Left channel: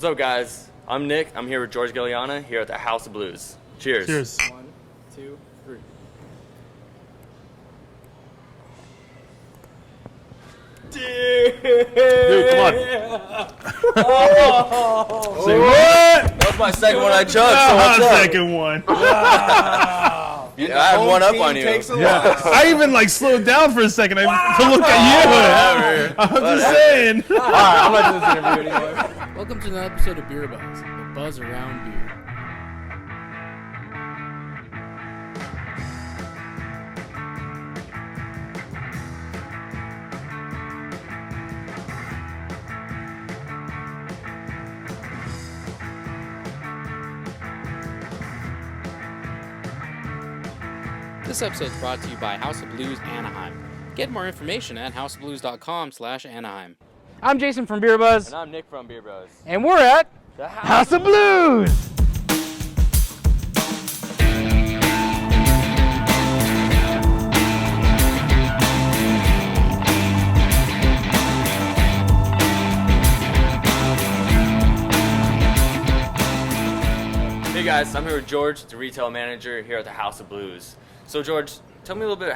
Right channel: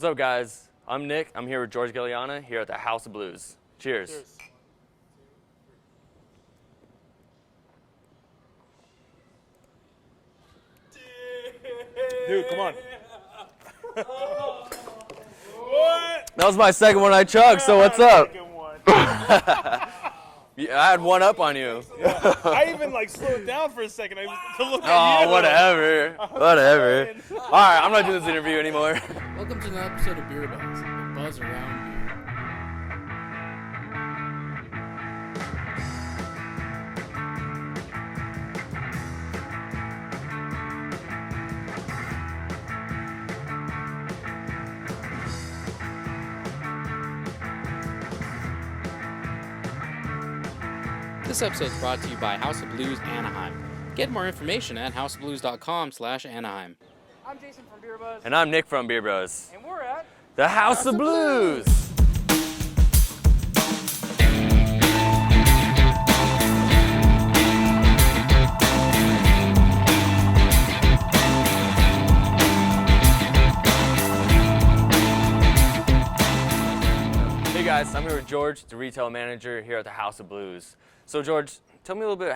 What's up, guys? I'm Nick. I'm here with George Gilliana here at the House of Blues. Cheers. Cheers. 1, 2, 3. Dude, come on. Say what? That was my second one I chugged, so what's up? Second one. Yeah, I had one up on you. I even slowed down for a second to look at you. I'm just saying. All right, I'm not doing this interview anymore. Welcome to another episode of BierBuzz, the buzz around beer. This episode is brought to you by House of Blues Anaheim. Get more information at houseofblues.com/Anaheim. I'm Jason from BierBuzz. And I'm Nick from BierBuzz. And we're at The House of Blues. Hey guys, I'm here with George, the retail manager here at the House of Blues. So George, tell me a little bit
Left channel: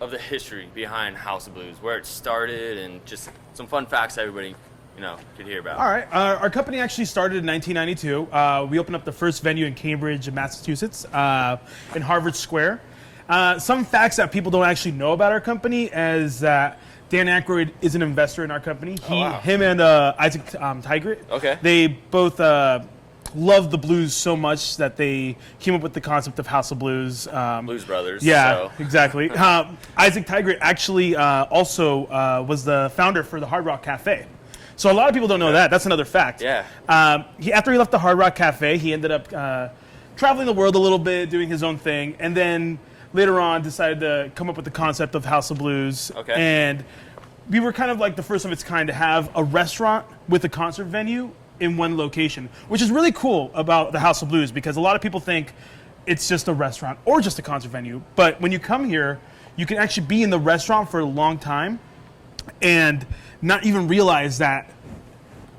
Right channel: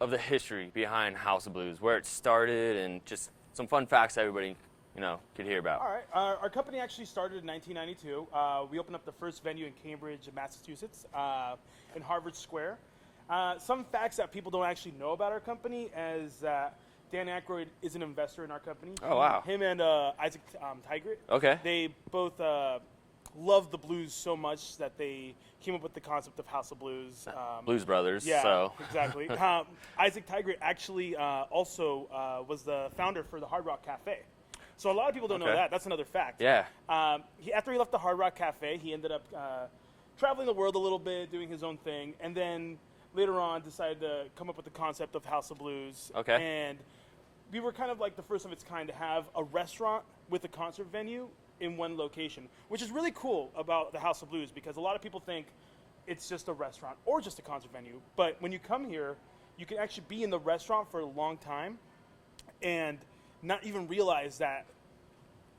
of the history behind House of Blues, where it started, and just some fun facts everybody can hear about. All right. Our company actually started in 1992. We opened up the first venue in Cambridge, Massachusetts, in Harvard Square. Some facts that people don't actually know about our company is that Dan Aykroyd is an investor in our company. Him and Isaac Tigert. Okay. They both loved the blues so much that they came up with the concept of House of Blues. Blues Brothers. Yeah, so. exactly. Isaac Tigert actually also was the founder for the Hard Rock Cafe. So a lot of people don't know that. That's another fact. Yeah. After he left the Hard Rock Cafe, he ended up traveling the world a little bit, doing his own thing, and then later on decided to come up with the concept of House of Blues. Okay. And we were kind of like the first of its kind to have a restaurant with a concert venue in one location, which is really cool about the House of Blues because a lot of people think it's just a restaurant or just a concert venue. But when you come here, you can actually be in the restaurant for a long time and not even realize that,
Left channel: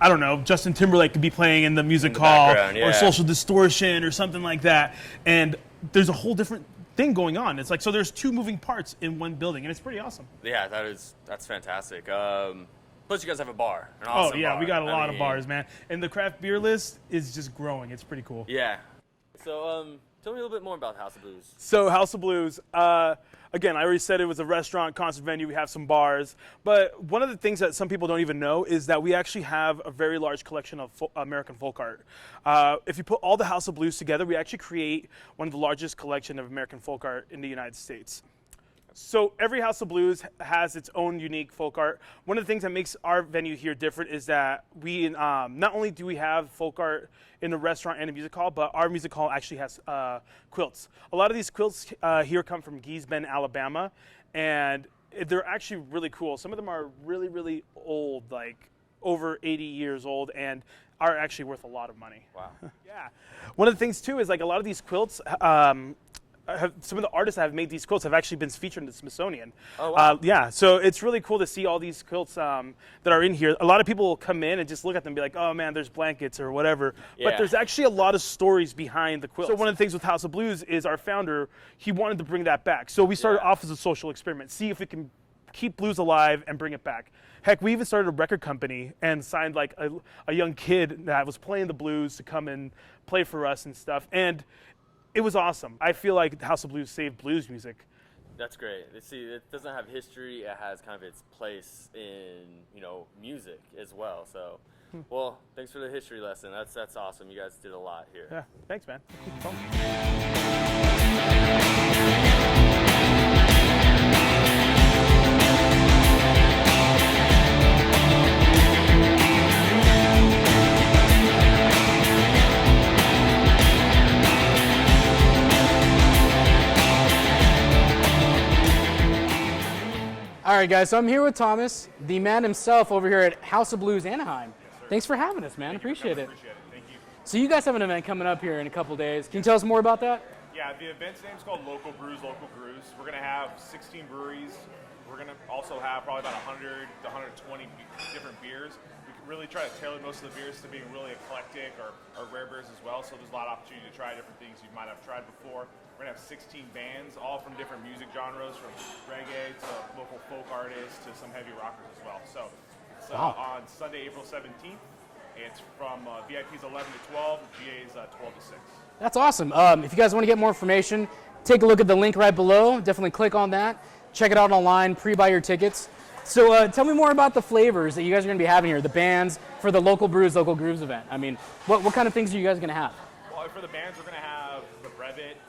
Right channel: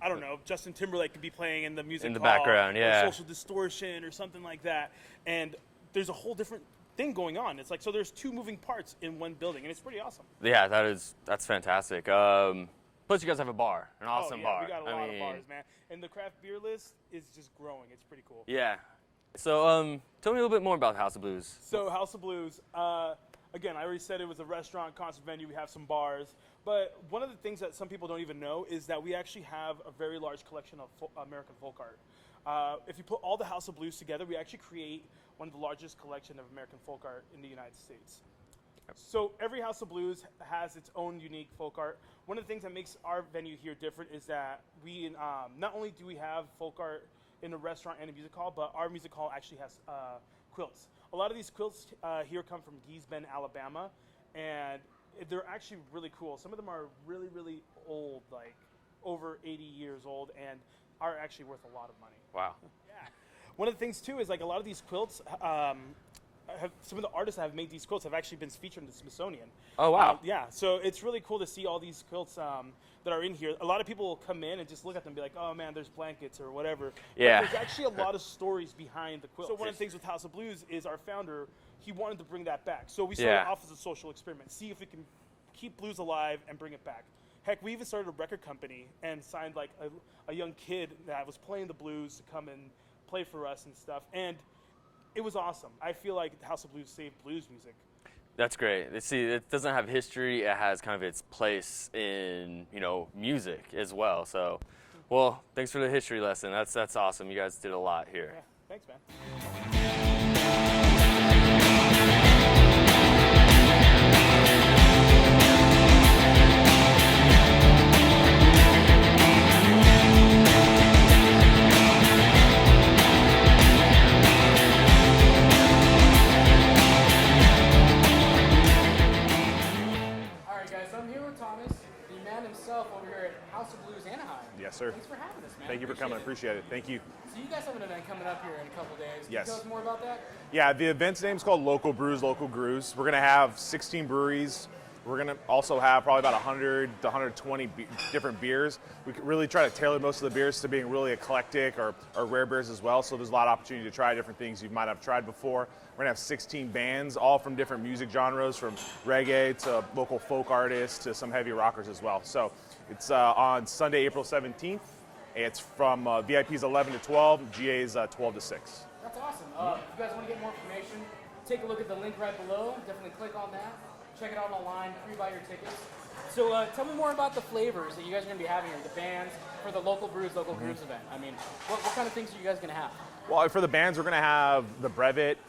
I don't know, Justin Timberlake could be playing in the music hall or Social Distortion or something like that. And there's a whole different thing going on. It's like, so there's two moving parts in one building and it's pretty awesome. Yeah, that's fantastic. Plus, you guys have a bar. An awesome bar. We got a lot of bars, man. And the craft beer list is just growing. It's pretty cool. Yeah. So, tell me a little bit more about House of Blues. So, House of Blues, again, I already said it was a restaurant, concert venue. We have some bars. But one of the things that some people don't even know is that we actually have a very large collection of American folk art. If you put all the House of Blues together, we actually create one of the largest collection of American folk art in the United States. So every House of Blues has its own unique folk art. One of the things that makes our venue here different is that we not only do we have folk art in the restaurant and the music hall, but our music hall actually has quilts. A lot of these quilts here come from Gee's Bend, Alabama, and they're actually really cool. Some of them are really, really old, like over 80 years old, and are actually worth a lot of money. Wow. Yeah. One of the things too is like a lot of these quilts. Some of the artists that have made these quilts have actually been featured in the Smithsonian. Oh, wow. Yeah, so it's really cool to see all these quilts that are in here. A lot of people will come in and just look at them and be like, oh man, there's blankets or whatever. Yeah. But there's actually a lot of stories behind the quilts. So one of the things with House of Blues is our founder, he wanted to bring that back. So we started off as a social experiment, see if we can keep blues alive and bring it back. Heck, we even started a record company and signed like a young kid that was playing the blues to come and play for us and stuff. And it was awesome. I feel like House of Blues saved blues music. That's great. See, it doesn't have history. It has kind of its place in, music as well. So, well, thanks for the history lesson. That's awesome. You guys did a lot here. Yeah, thanks, man. All right, guys, so I'm here with Thomas, the man himself over here at House of Blues Anaheim. Yes, sir. Thanks for having us, man. Thank you for Appreciate coming. it. Appreciate it. Thank you. So you guys have an event coming up here in a couple days. Can you Yes. tell us more about that? Yeah, the event's name is called Local Brews, Local Brews. We're going to have 16 breweries We're going to also have probably about 100 to 120 different beers. We can really try to tailor most of the beers to being really eclectic or rare beers as well. So there's a lot of opportunity to try different things you might have tried before. We're going to have 16 bands, all from different music genres, from reggae to local folk artists to some heavy rockers as well. So it's on Sunday, April 17th. It's from VIP's 11 to 12, GA's 12 to 6. That's awesome. If you guys want to get more information, take a look at the link right below. Definitely click on that. Check it out online, pre-buy your tickets. So tell me more about the flavors that you guys are going to be having here, the bands for the Local Brews, Local Grooves event. I mean, what kind of things are you guys going to have? Well, for the bands, we're going to have the Brevet,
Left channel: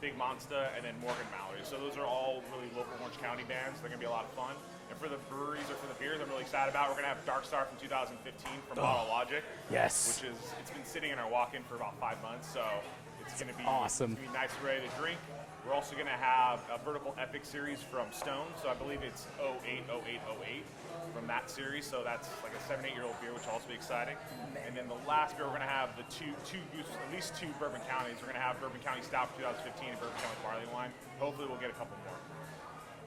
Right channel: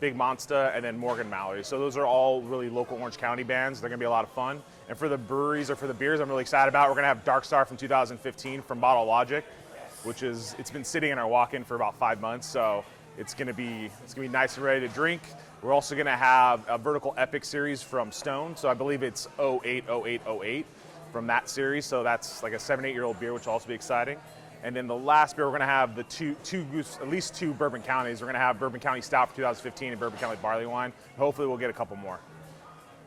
Big Monster, and then Morgan Mallory. So those are all really local Orange County bands. They're going to be a lot of fun. And for the breweries or for the beers, I'm really excited about. We're going to have Dark Star from 2015 from Bottle Logic. Yes. Which is, it's been sitting in our walk-in for about 5 months, so it's going to be awesome. It's going to be nice and ready to drink. We're also going to have a Vertical Epic series from Stone. So I believe it's 080808 from that series. So that's like a 7-8-year-old beer, which will also be exciting. And then the last beer, we're going to have the at least two Bourbon Counties. We're going to have Bourbon County Stout for 2015 and Bourbon County Barley Wine. Hopefully we'll get a couple more.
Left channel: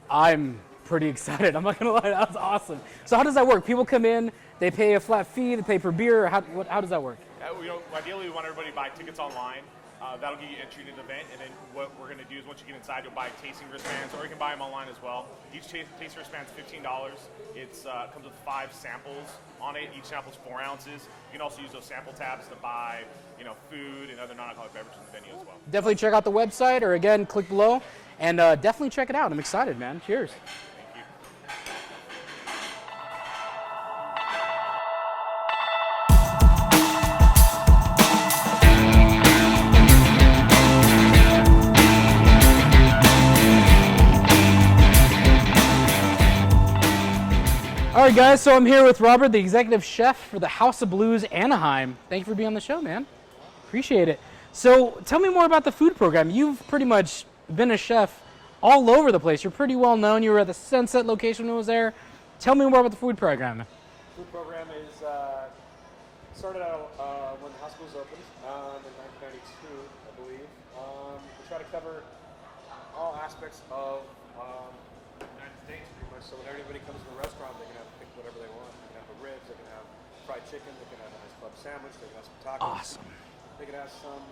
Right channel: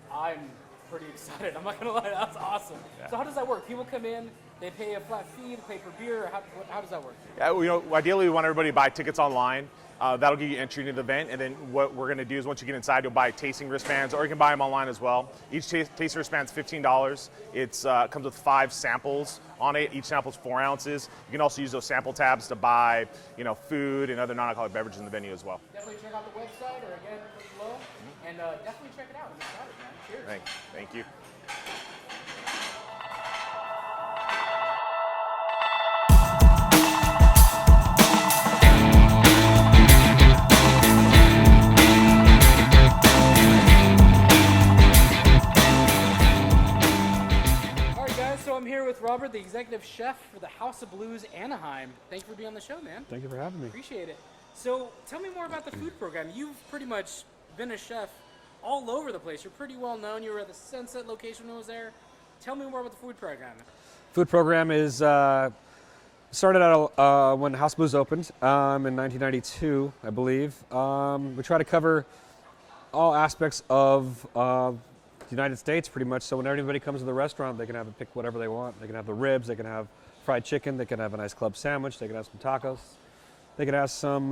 I'm pretty excited. I'm not going to lie. That's awesome. Yeah. So how does that work? People come in, they pay a flat fee, they pay per beer. How does that work? Yeah, ideally we want everybody to buy tickets online. That'll give you entry into the event, and then what we're going to do is once you get inside, you'll buy tasting wristbands, or you can buy them online as well. Each tasting wristband's $15. It comes with 5 samples on it. Each sample's 4 ounces. You can also use those sample tabs to buy, food and other non-alcoholic beverages in the venue as well. Definitely check out the website, or again, click below, and definitely check it out. I'm excited, man. Cheers. Thank you. All right, guys, so I'm here with Robert, the executive chef for the House of Blues Anaheim. Thank you for being on the show, man. Thank you for having me. Appreciate it. So tell me more about the food program. You've pretty much been a chef all over the place. You're pretty well known. You were at the Sunset location when I was there. Tell me more about the food program. Food program is started out when House of Blues opened in 1992, I believe. We try to cover all aspects of the United States pretty much, so when everybody comes to the restaurant, they can pick whatever they want. They can have the ribs, they can have fried chicken, they can have a nice club sandwich, they can have some tacos. Awesome. They can have some,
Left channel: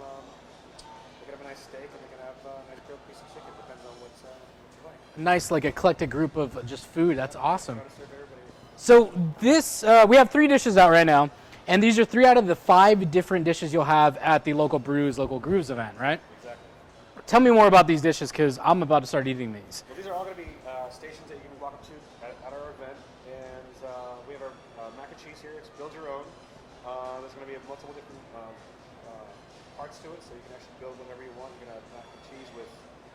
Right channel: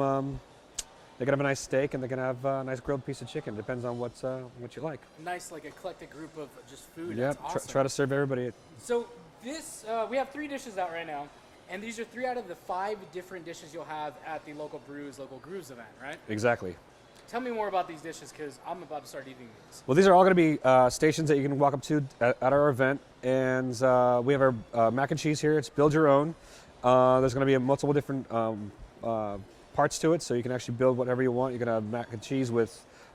they can have a nice steak, and they can have a nice grilled piece of chicken. Depends on what you like. Nice, like eclectic group of just food. That's awesome. Try to serve everybody. So this, we have 3 dishes out right now, and these are 3 out of the 5 different dishes you'll have at the Local Brews, Local Grooves event, right? Exactly. Tell me more about these dishes, because I'm about to start eating these. Well, these are all going to be stations that you can walk up to at our event, and we have our mac and cheese here. It's build your own. There's going to be multiple different parts to it, so you can actually build whatever you want. You're going to have mac and cheese with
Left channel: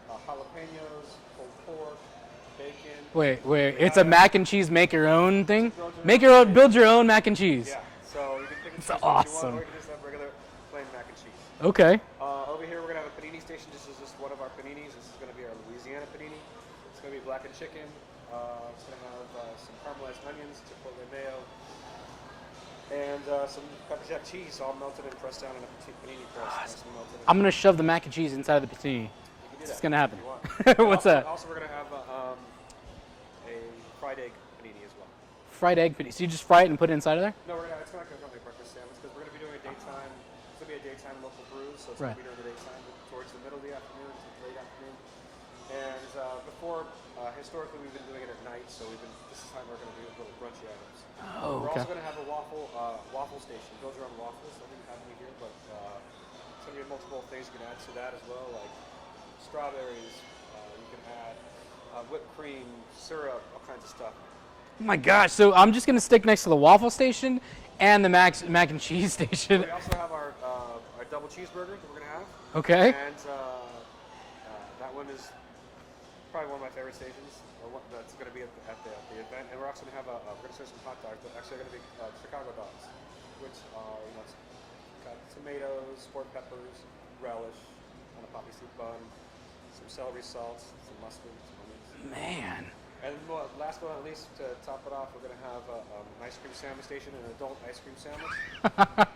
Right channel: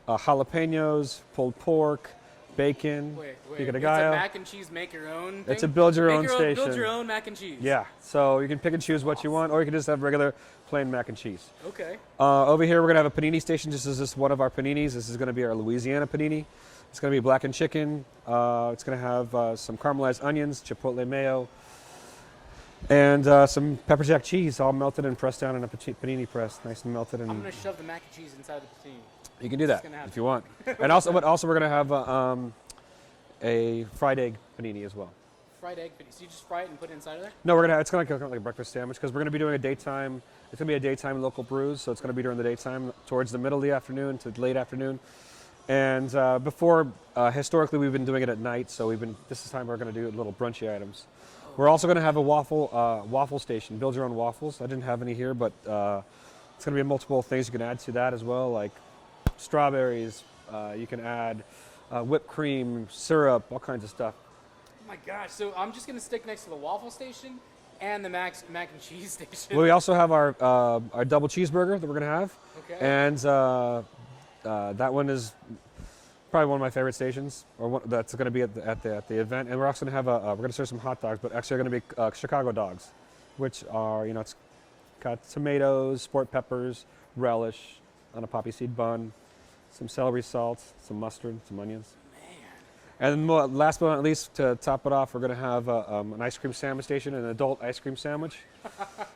jalapenos, pulled pork, bacon. Wait, it's a mac and cheese make your own thing? It's a build your own. Build your own mac and cheese. Yeah, so you can pick and choose what you want, or you can just have regular plain mac and cheese. Okay. Over here, we're going to have a panini station. This is just one of our paninis. This is going to be our Louisiana panini. It's going to be blackened chicken. It's going to have some caramelized onions, chipotle mayo, and some pepper jack cheese, all melted and pressed down in a panini press, nice and melted. I'm going to shove the mac and cheese inside of the panini. You can do that. It's going to happen. If you want. And also, we're going to have a fried egg panini as well. Fried egg panini. So you just fry it and put it inside of there? No, it's going to look like a breakfast sandwich, because we're going to be doing a daytime. It's going to be a daytime Local Brews, so it's going to be during the daytime, towards the middle of the afternoon to late afternoon. And before, historically, we've been doing it at night, so this is time we're going to do little brunchy items. Oh, we're also going to have a waffle station, build your own waffles. I didn't have any here, but it's going to be multiple things you can add to that as well, like strawberries. You can add whipped cream, syrup, all kinds of stuff. Oh my gosh, so I'm just going to stick next to the waffle station and the mac and cheese station. Well, we also have our double cheeseburger that we're going to have. Okay. And that one is probably one of my favorite stations, that's going to be at the event. And we're also going to have we're going to serve some hot dogs, but actually they're going to be Chicago dogs, which are, it's got tomatoes, sport peppers, relish on a poppy seed bun, some celery salt, some mustard, some onions. Man. And last but not least, to top it off, we're going to have an ice cream sandwich station, an adult ice cream sandwich.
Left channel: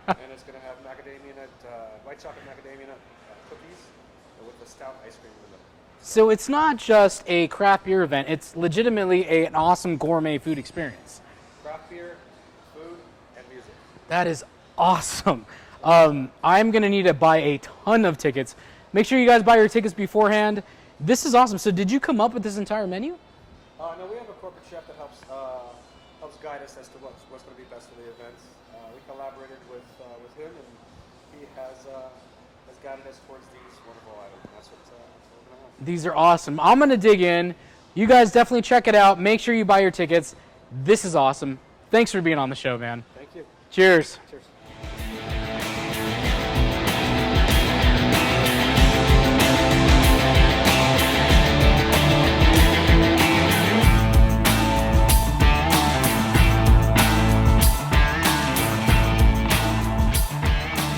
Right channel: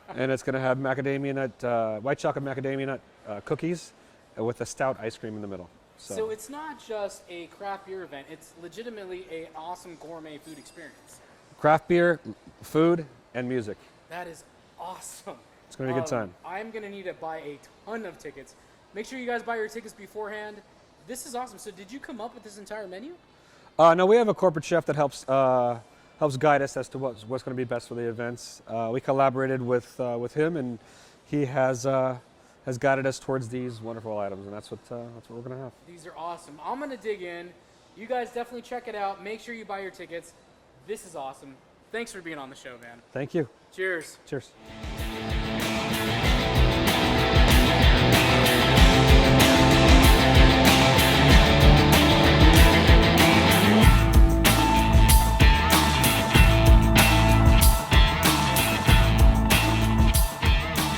And it's going to have macadamia nut, white chocolate macadamia nut cookies with a stout ice cream in the middle. So it's not just a craft beer event, it's legitimately an awesome gourmet food experience. Craft beer, food, and music. That is awesome. It's gonna be a good time. I'm going to need to buy a ton of tickets. Make sure you guys buy your tickets beforehand. This is awesome. So did you come up with this entire menu? No, we have a corporate chef that helps guide us as to what's going to be best for the events. We collaborated with him, and he has guided us towards these wonderful items, and that's what we're going to have. These are awesome. I'm going to dig in. You guys definitely check it out. Make sure you buy your tickets. This is awesome. Thanks for being on the show, man. Thank you. Cheers. Cheers.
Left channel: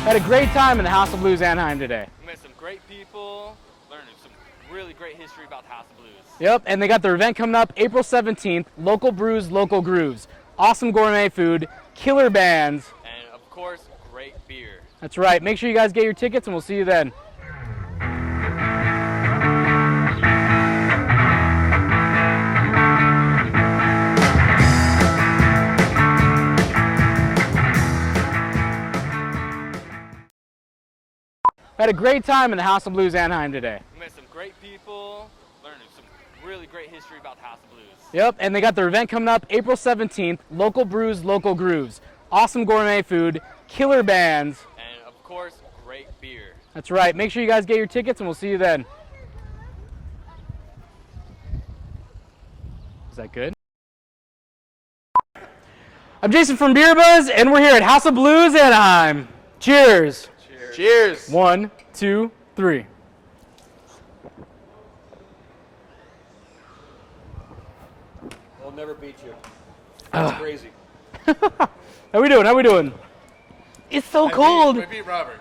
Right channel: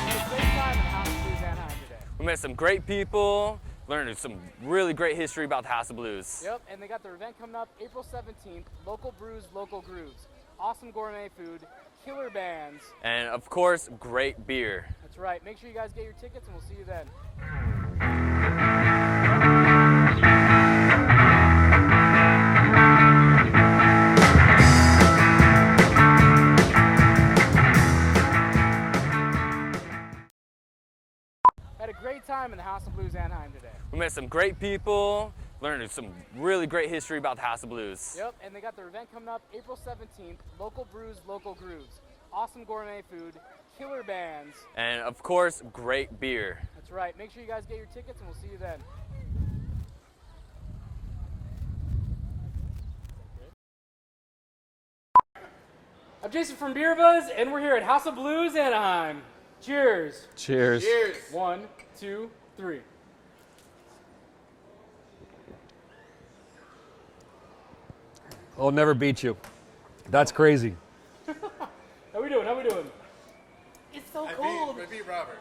Had a great time in the House of Blues Anaheim today. We met some great people, learned some really great history about the House of Blues. Yep, and they got their event coming up April 17th. Local brews, local grooves. Awesome gourmet food, killer bands. And of course, great beer. That's right. Make sure you guys get your tickets, and we'll see you then. Had a great time in the House of Blues Anaheim today. We met some great people, learned some really great history about the House of Blues. Yep, and they got their event coming up April 17th. Local brews, local grooves. Awesome gourmet food, killer bands. And of course, great beer. That's right. Make sure you guys get your tickets, and we'll see you then. Is that good? I'm Jason from BierBuzz, and we're here at House of Blues Anaheim. Cheers. Cheers. Cheers. 1, 2, 3. I'll never beat you. That's crazy. How we doing? How we doing? It's so cold. I beat Robert.